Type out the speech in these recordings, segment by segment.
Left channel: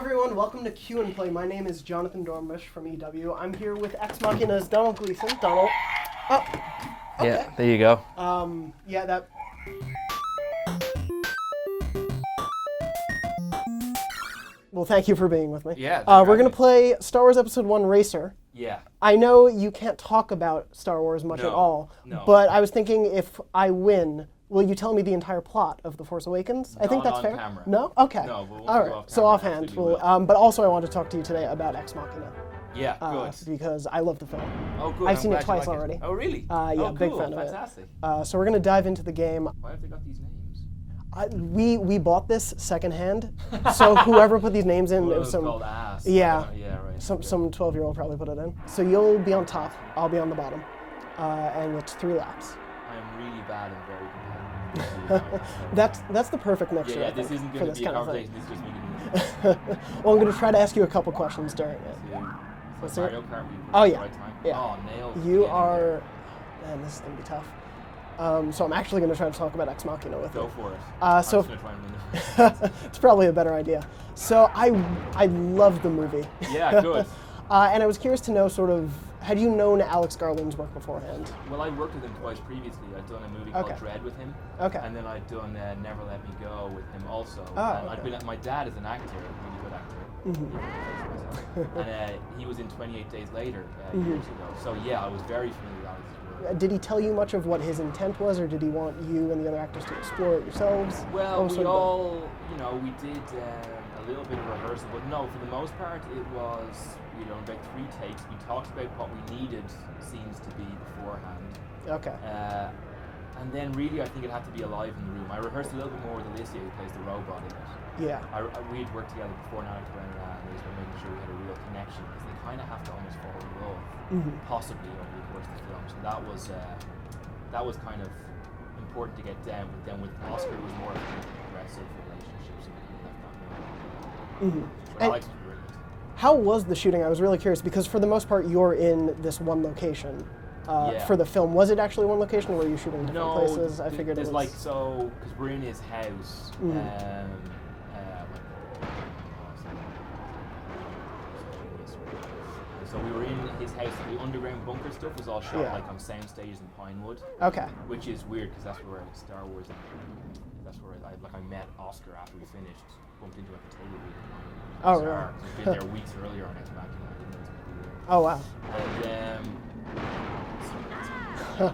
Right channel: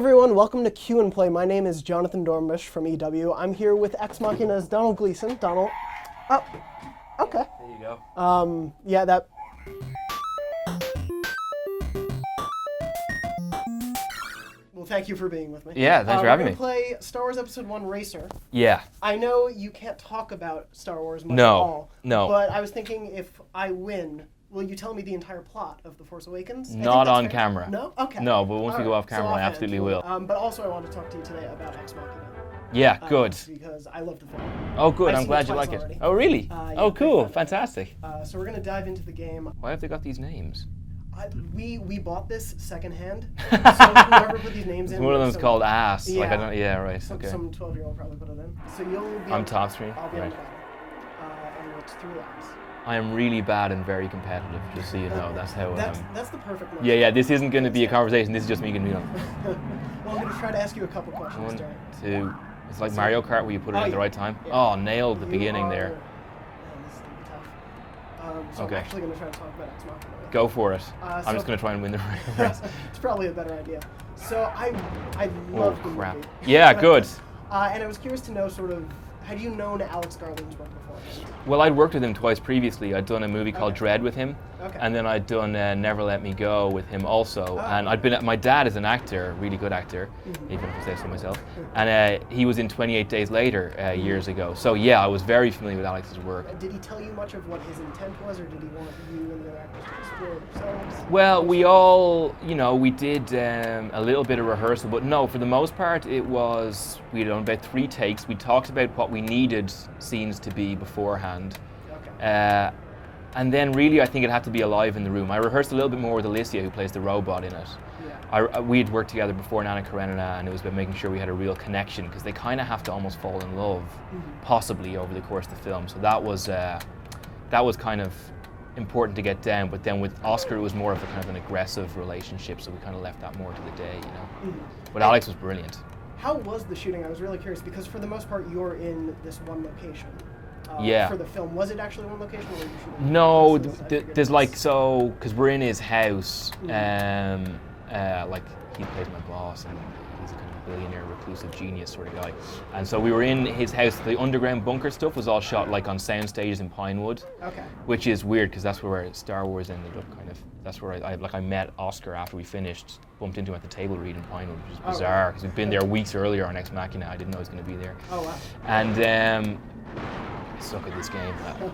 everyone, welcome to Q and Play. My name is Jonathan Dornbush from EW. I'm here with Ex Machina's Domhnall Gleeson. Domhnall. Oh, okay. Yeah, there you go. Yeah, that... Well, thank you for being with me. Yeah, thanks for We're having going to me. play Star Wars Episode 1 Racer. Yeah. I know you can't talk about Star Wars much at all. No. But I was thinking if I win, will you tell me the entire plot of The Force Awakens? I think Not that's on fair. camera. No? Okay. No, but once All we go right. off So camera, I offhand, absolutely we'll- will. But also I want to talk to you today about Ex Machina. Yeah, good. Because I love the film. Oh, good. I've I'm seen glad it you twice like already. it. Oh, really? Yeah, Oh, big cool. fan of it. Fantastic. So we're going to dive into the game. Why have they got these names? We bought this secondhand, so whoever put these names in... One of them's called Ass. Yeah. Like, yeah, right. Some okay. 12-year-old probably put it in. So you'll be on top three. I'll be on the bottom. And it's 3 laps. I am really bad and very competitive. Just so you know, that's how. That's the perfect mix. Yeah. This isn't going to for be a this kind of conversation. This is just me going to be on. Well, I'm going to try to ask you a couple questions during it. Two. It's like Mario Kart where you put it Oh, at yeah. the right time. Yeah. Oh, nailed the You beginning are, there. Man, this is going to be tough. So I'm Okay. actually going to try to talk about Ex Machina with Go for it. So- I'm just going to try and win the race. It's probably a better idea. So I love the Crap. movie. Yeah, good. And I was curious to know sort of, had you known Alex Garland's work beforehand? Well, I'd worked with him twice previously. I'd done a movie called Okay. Dread with him, Okay. and then I'd done Never Let Me Go with him also. Oh, and I'd been. My dad is an actor, a really good actor, Mm-hmm. even if I say so myself. And he was in 28 Days Later years ago. So yeah, I was very familiar with Alex's work. Did he tell you much of what his intent was, or did he want you and the other actors to explore it yourselves? Well, Or we sort of- all, we did a little bit of rehearsal, but no, for the most part, it was, we'd done about 3 takes. We talked about what we needed scenes to be beforehand. Okay. And then really, I think it had to be alive in the room. I rehearsed a little bit more with Alicia, who plays the robot in it. Yeah. We'd worked together before in Anna Karenina, and it was about making sure we had a real connection, because they kind of have to almost fall in love, possibly over the course of the film. So that was kind of important to get down. But then with Oscar, it was more of a kind of an aggressive relationship, so we kind of left that more to the day. But Alex was brilliant. How was the shooting? I was really curious, because for the most part, you're in this one location. Yeah. For the film, was it actually one location, or were you shooting? No, places? I figured there's it like, was- so, because we're in his house, like, he's my boss, and he's a billionaire, reclusive genius sort of guy. And so we were in his house. The underground bunker stuff was all shot like on sound stages in Pinewood, Okay. which is weird because that's where Star Wars ended up kind of. That's where I met Oscar after we finished, bumped into him at the table read in Pinewood, which is Oh, bizarre really? because we'd been there weeks earlier on Ex Machina. I didn't know he was going to be there. Oh, wow. And suck at this game.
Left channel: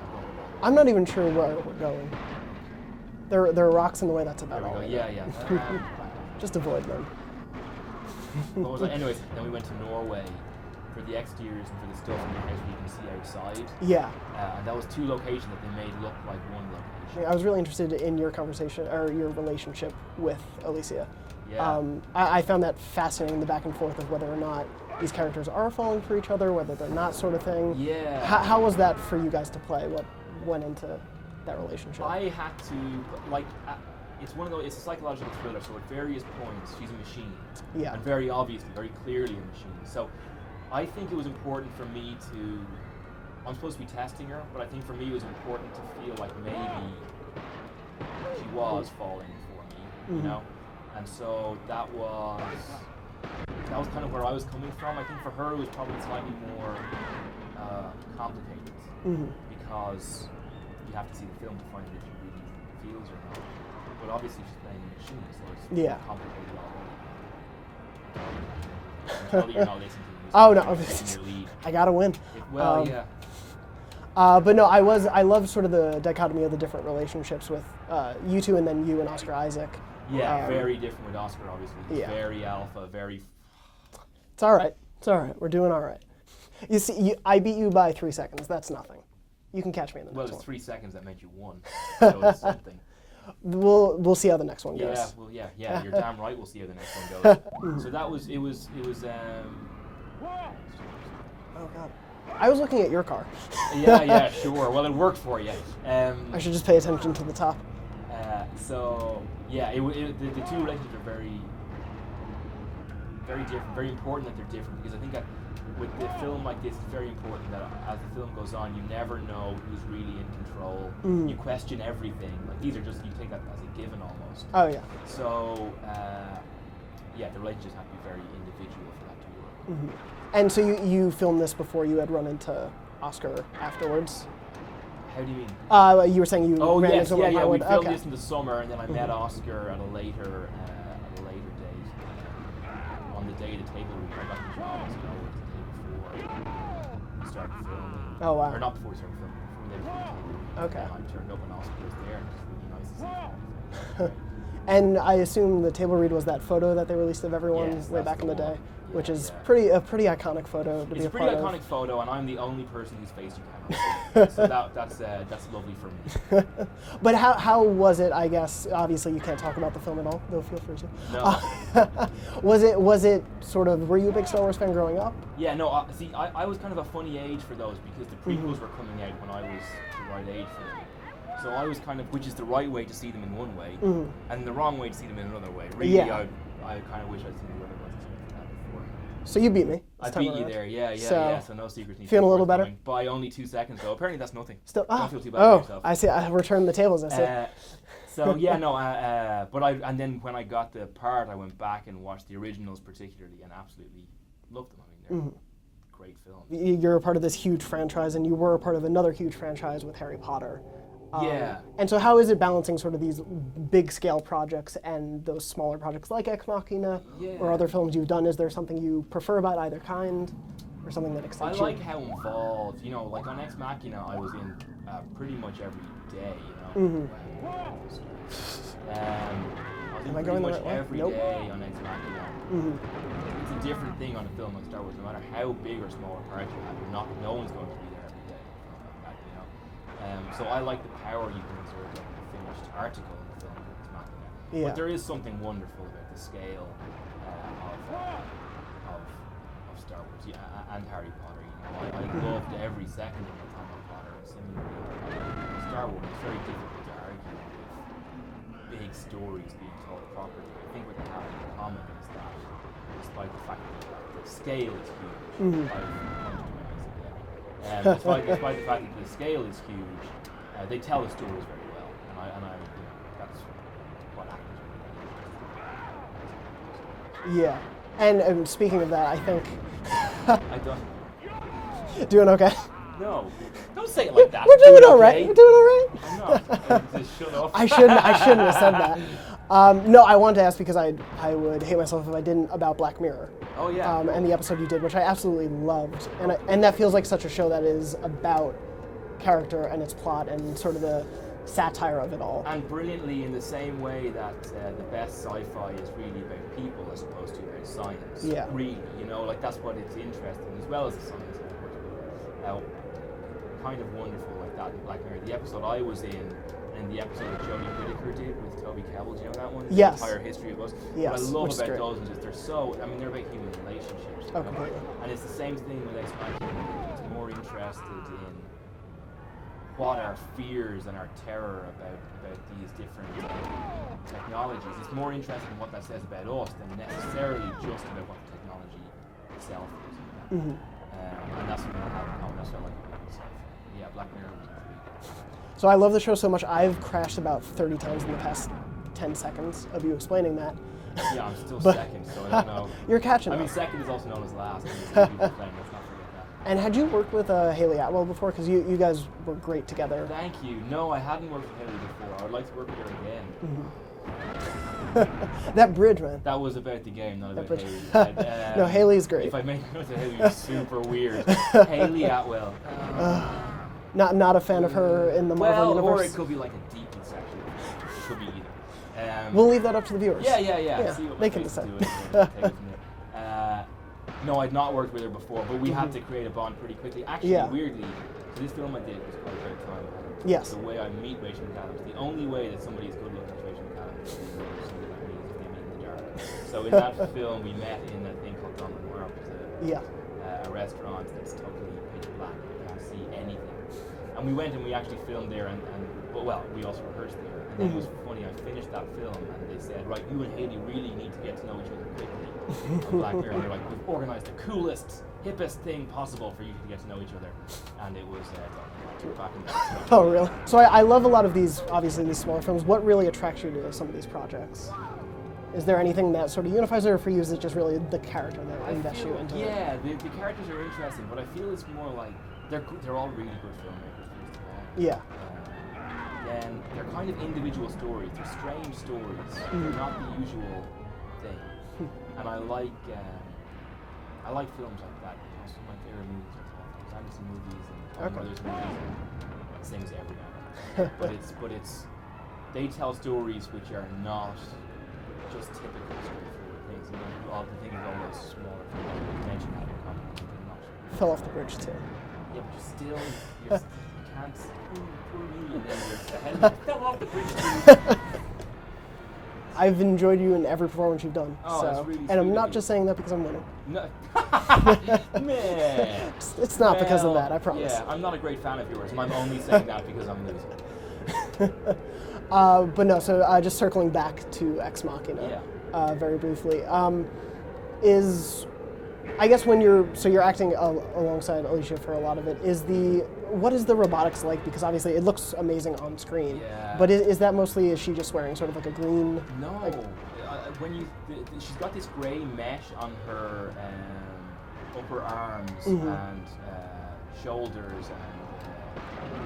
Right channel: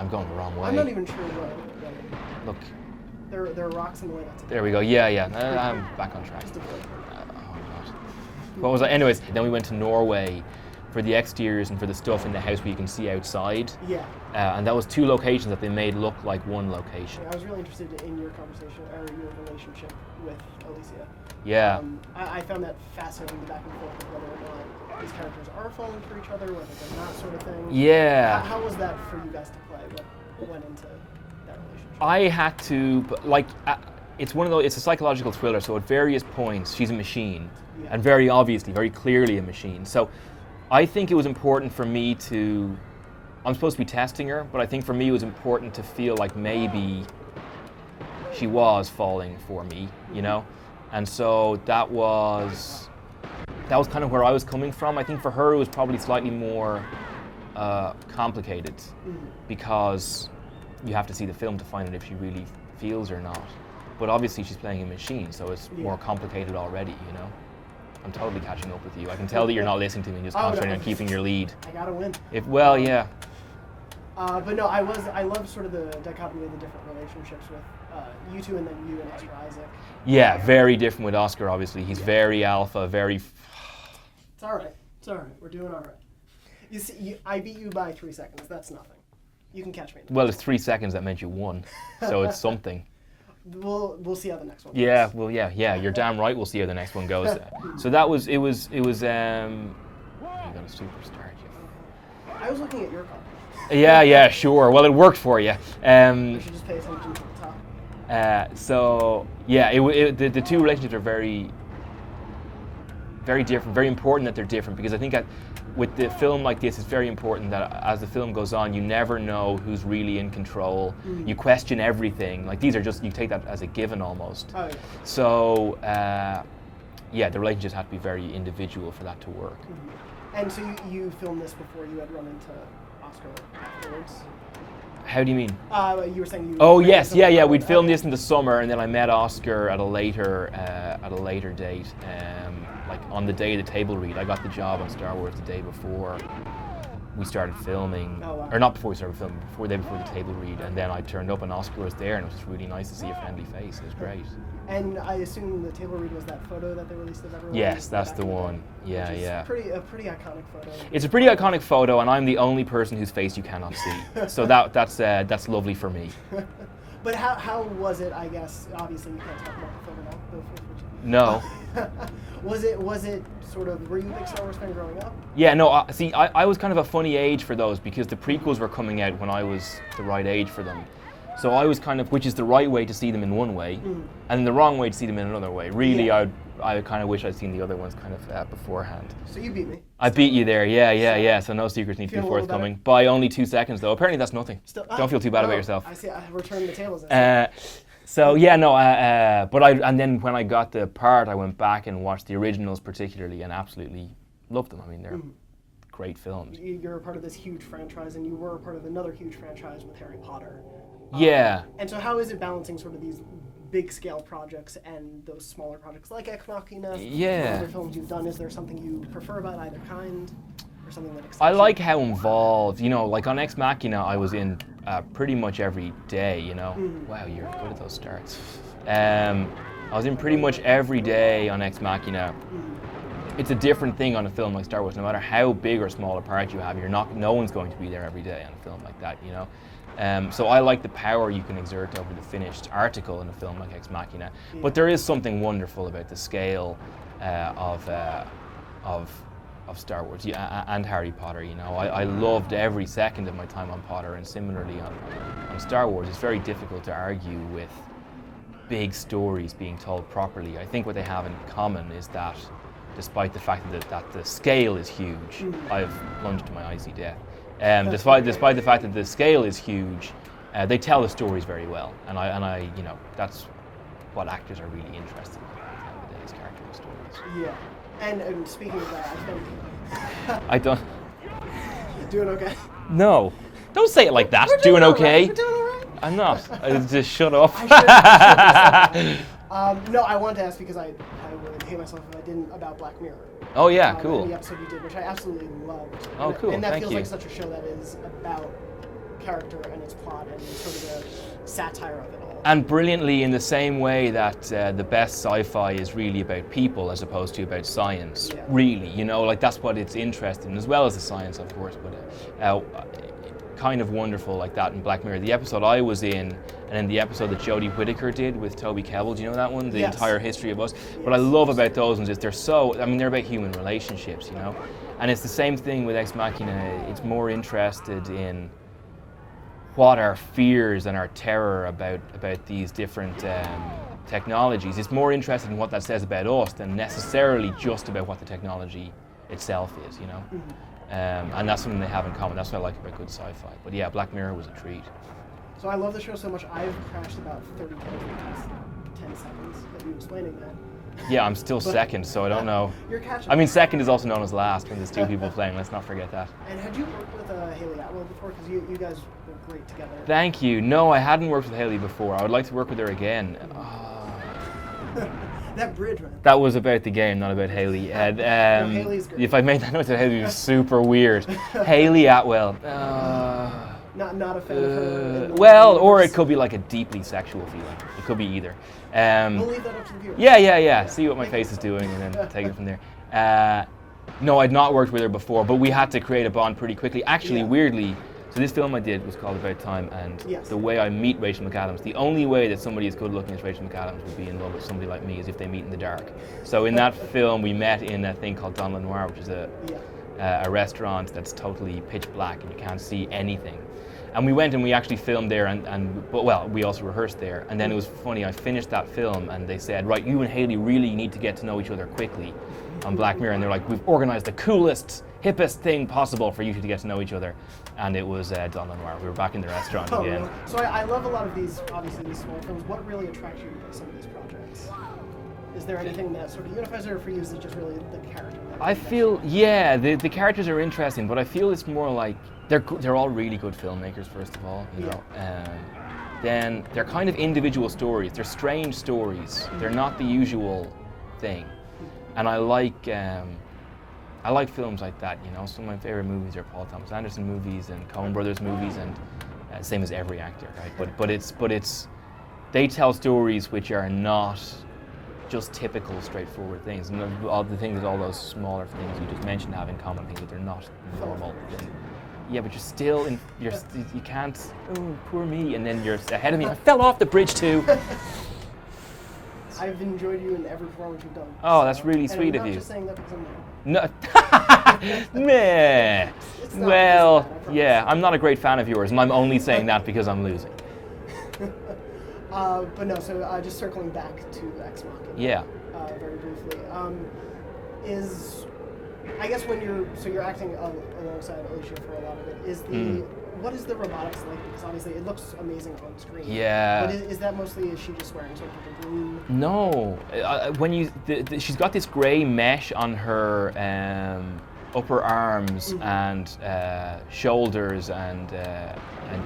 I'm going the wrong way. I'm not even sure what. No. Look, There are rocks in the way. That's there we go. Yeah. I'm back on track. Just avoid them. What was I? Anyways, then we went to Norway for the exteriors and for the stuff in the house where you can see outside. Yeah. And that was 2 locations that they made look like one location. I was really interested in your conversation, or your relationship with Alicia. Yeah. I found that fascinating, the back and forth of whether or not these characters are falling for each other, whether they're not, sort of thing. Yeah. How was that for you guys to play? What went into that relationship? I had to, it's one of those, it's a psychological thriller, so at various points, she's a machine. Yeah. And very obviously, very clearly a machine. So I think it was important for me to, I'm supposed to be testing her, but I think for me it was important to feel like maybe she was falling for me, you know? And so that was kind of where I was coming from. I think for her it was probably slightly more complicated because you have to see the film to find out if she really feels or not. But obviously she's playing a machine, so it's more complicated already, you know? I'm totally catching up with you. I can tell that you're not listening to me and just concentrating on keeping your lead. I gotta win. Yeah. But no, I love sort of the dichotomy of the different relationships with you two, and then you and Oscar Isaac. Yeah, very different with Oscar, obviously. He's very alpha, very... It's all right. It's all right. We're doing all right. You see, I beat you by 3 seconds. That's nothing. You can catch me in the Well, next it's 3 seconds that meant you won, so it's something. one. We'll see how the next one goes. Yeah, well, yeah, you're damn right. We'll see how the next one goes. So that was, it was. I was looking at your car. Yeah, sure. Well, it worked for you. I should just pay attention to the top. So yeah, the 2 relationships are very, very different. Very important that they're different, because I think with the film like this, it's very important that as the film goes on, you never know who's really in control. You question everything. Like, these are just, you take that as a given almost. Oh yeah. So yeah, the relationships had to be very individual for that to work. And so you filmed this before you had run into Oscar afterwards? How do you mean? You were saying you. Oh ran yes, into yeah. Hollywood. We'd filmed Okay. this in the summer, and then I met Oscar at a later date. Like on the day of the table read, I got the job on Star Wars the day before we started filming. Oh, wow. Or not before we started filming, before the table read, Okay. and then I turned up and Oscar was there, and it was really nice to see a friendly face. It was great. And I assume the table read was that photo that they released of everyone. Yes, that's back the in one. day, Yeah, which is yeah. a pretty iconic photo. to It's be a pretty part of. iconic photo, and I'm the only person whose face you cannot see. So that's lovely for me. But how was it? I guess obviously you can't talk about the film at all. No, feel free to. No. Was it sort of? Were you a big Star Wars fan growing up? Yeah, no, see, I was kind of a funny age for those because the prequels were coming out when I was the right age for them. So I was kind of, which is the right way to see them in one way, and the wrong way to see them in another way. Really, Yeah. I kind of wish I'd seen the other ones kind of beforehand. So you beat me. I beat you there, yeah. So, So no secrets need to be feeling a little forthcoming. By only 2 seconds, though. Apparently that's nothing. Still, Don't feel too bad about yourself. I see. I returned the tables. I see. So yeah, no, and then when I got the part, I went back and watched the originals particularly, and absolutely loved them. I mean, they're great films. You're a part of this huge franchise, and you were a part of another huge franchise with Harry Potter. Yeah. And so how is it balancing sort of these big scale projects and those smaller projects like Ex Machina? Yeah. Or other films you've done? Is there something you prefer about either kind? Or something that excites I you? like how involved, like on Ex Machina, I was in pretty much every day, Wow, you're good at those starts. I was in pretty much every day on Ex Machina. It's a different thing on a film like Star Wars. No matter how big or small a part you have, no one's going to be there every day on a film like that, So I like the power you can exert over the finished article in a film like Ex Machina. Yeah. But there is something wonderful about the scale of Star Wars and Harry Potter. I loved every second of my time on Potter, and similarly on Star Wars. It's very difficult to argue with big stories being told properly. I think what they have in common is that, despite the fact that the scale is huge, I've plunged to my icy death. Despite the fact that the scale is huge, they tell the stories very well, and I that's what actors are really interested in, these character stories. Yeah. And speaking of that, I think I don't. doing okay. No, don't say it like that. We're Doing all okay. right. We're doing all right. I'm not. Just shut up. I shouldn't have said that. No, I wanted to ask because I would hate myself if I didn't about Black Mirror. Oh yeah, cool. And the episode you did, which I absolutely loved. Oh, and, cool. and that Thank feels you. like such a show that is about character and its plot and sort of the satire of it all. And brilliantly, in the same way that the best sci-fi is really about people as opposed to about science. Yeah. Really, like that's what it's interested in, as well as the science, of course. But kind of wonderful like that in Black Mirror. The episode I was in, and then the episode that Jodie Whittaker did with Toby Kebbell. Do you know that one? The Yes. entire history of us. Yes, What I love that's about great. those ones is they're about human relationships, And it's the same thing with Ex Machina. It's more interested in what our fears and our terror about these different technologies. It's more interested in what that says about us than necessarily just about what the technology itself is, and that's something they have in common. That's what I like about good sci-fi. But yeah, Black Mirror was a treat. So I love the show so much, I've crashed about 30 times in the past 10 seconds of you explaining that. Yeah, I'm still second, so I don't know. You're catching I mean, up. second is also known as last, and there's two people playing. Let's not forget that. And had you worked with Haley Atwell before? Because you guys were great together. Thank you. No, I hadn't worked with Haley before. I would like to work with her again. That bridge, man. That was about the game, not about Haley. No, Haley's great. If I made that note to Haley, it was super weird. Haley Atwell. Not a fan of her in the Well, Marvel or universe. it could be like a deeply sexual feeling. It could be either. We'll leave that up to the viewers. Yeah. See what my Make it face is so. doing and then take it from there. No, I'd not worked with her before, but we had to create a bond pretty quickly. Actually, Yeah. weirdly, so this film I did was called About Time, and Yes. the way I meet Rachel McAdams, the only way that somebody as good looking as Rachel McAdams would be in love with somebody like me is if they meet in the dark. So in that film, we met in a thing called Domhnall Noir, which is a restaurant that's totally pitch black and you can't see anything. And we went and we actually filmed there, but we also rehearsed there. And then it was funny, I finished that film and they said, right, you and Haley really need to get to know each other quickly on Black Mirror. And they're like, we've organized the coolest, hippest thing possible for you two to get to know each other. And it was Domhnall Noir. We were back in the restaurant Oh, again. really? So I love a lot of these, obviously, these smaller films. What really attracts you to some of these projects? Is there anything that sort of unifies it, or for you is it just really the character? I feel, yeah, the characters are interesting, but I feel it's more like they're all really good filmmakers, first of all. Yeah. Then they're kind of individual stories. They're strange stories. They're not the usual thing. And I like films like that, you know. Some of my favorite movies are Paul Thomas Anderson movies and Coen Brothers movies, and same as every actor, right? But it's they tell stories which are not just typical, straightforward things. And all the things all those smaller films you just mentioned have in common, they're not. Fell off the bridge too. Yeah, but you're still, you can't, poor me, and then you're ahead of me. I fell off the bridge too. I've enjoyed you in every performance you've done. Oh, that's really sweet of you. And I'm not just saying that because I'm winning. No. Meh. It's not because of that, I promise. Yeah, I'm not a great fan of yours, and I'm only saying that because I'm losing. But no, so just circling back to Ex Machina. Yeah. Very briefly. I guess when you're acting alongside Alicia for a lot of it, what is the robotics like? Because obviously it looks amazing on screen. Yeah. But is that mostly, is she just wearing sort of like a green? No. She's got this grey mesh on her upper arms and shoulders and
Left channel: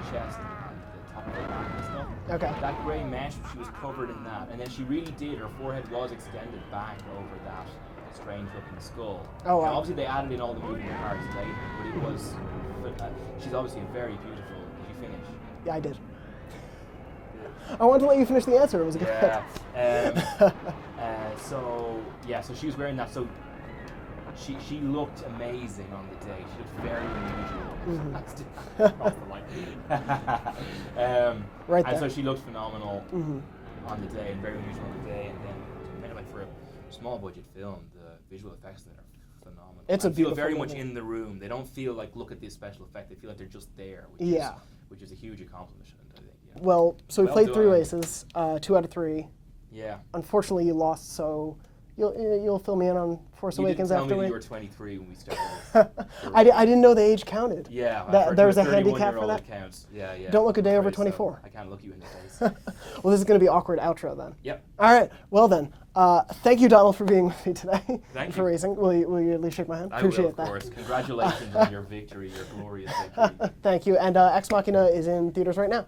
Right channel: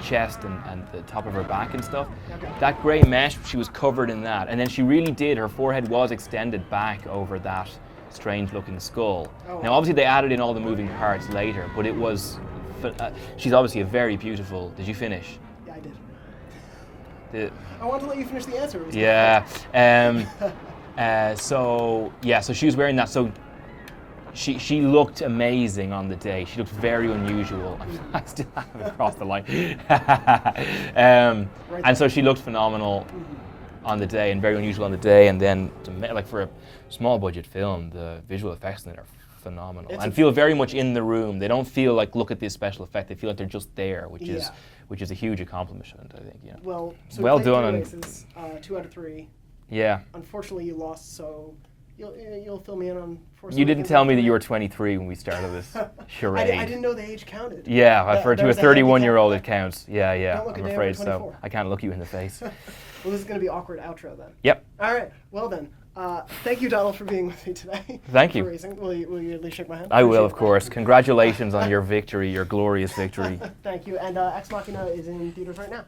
chest and the top of her back and stuff. Okay. That grey mesh, she was covered in that, and then she really did. Her forehead was extended back over that strange-looking skull. Oh, wow. Now, obviously, they added in all the moving parts later, but it was. She's obviously a very beautiful. Did you finish? Yeah, I did. I wanted to let you finish the answer. It was yeah. So she was wearing that. So she looked amazing on the day. She looked very unusual. I still haven't crossed the line. And so she looked phenomenal on the day, and very unusual on the day. And then, like for a small budget film, the visual effects in it are phenomenal. I feel very much in the room. They don't feel like, look at this special effect. They feel like they're just there, which is a huge accomplishment, I think. Yeah. Well, so well we played done. 3 races, 2 out of 3. Yeah. Unfortunately, you lost, so you'll fill me in on Force Awakens. You didn't tell me that you were 23 when we started this charade. I didn't know the age counted. Yeah, I've heard to a 31-year-old it counts. Yeah, yeah. Don't look a day over 24. So. I can't look you in the face. Well, this is going to be awkward outro then. Yep. All right. Well then, thank you, Donald, for being with me today. Thank you. For racing. Will you at least shake my hand? I will, of course. Congratulations on your victory, your glorious victory. Thank you. And Ex Machina is in theaters right now.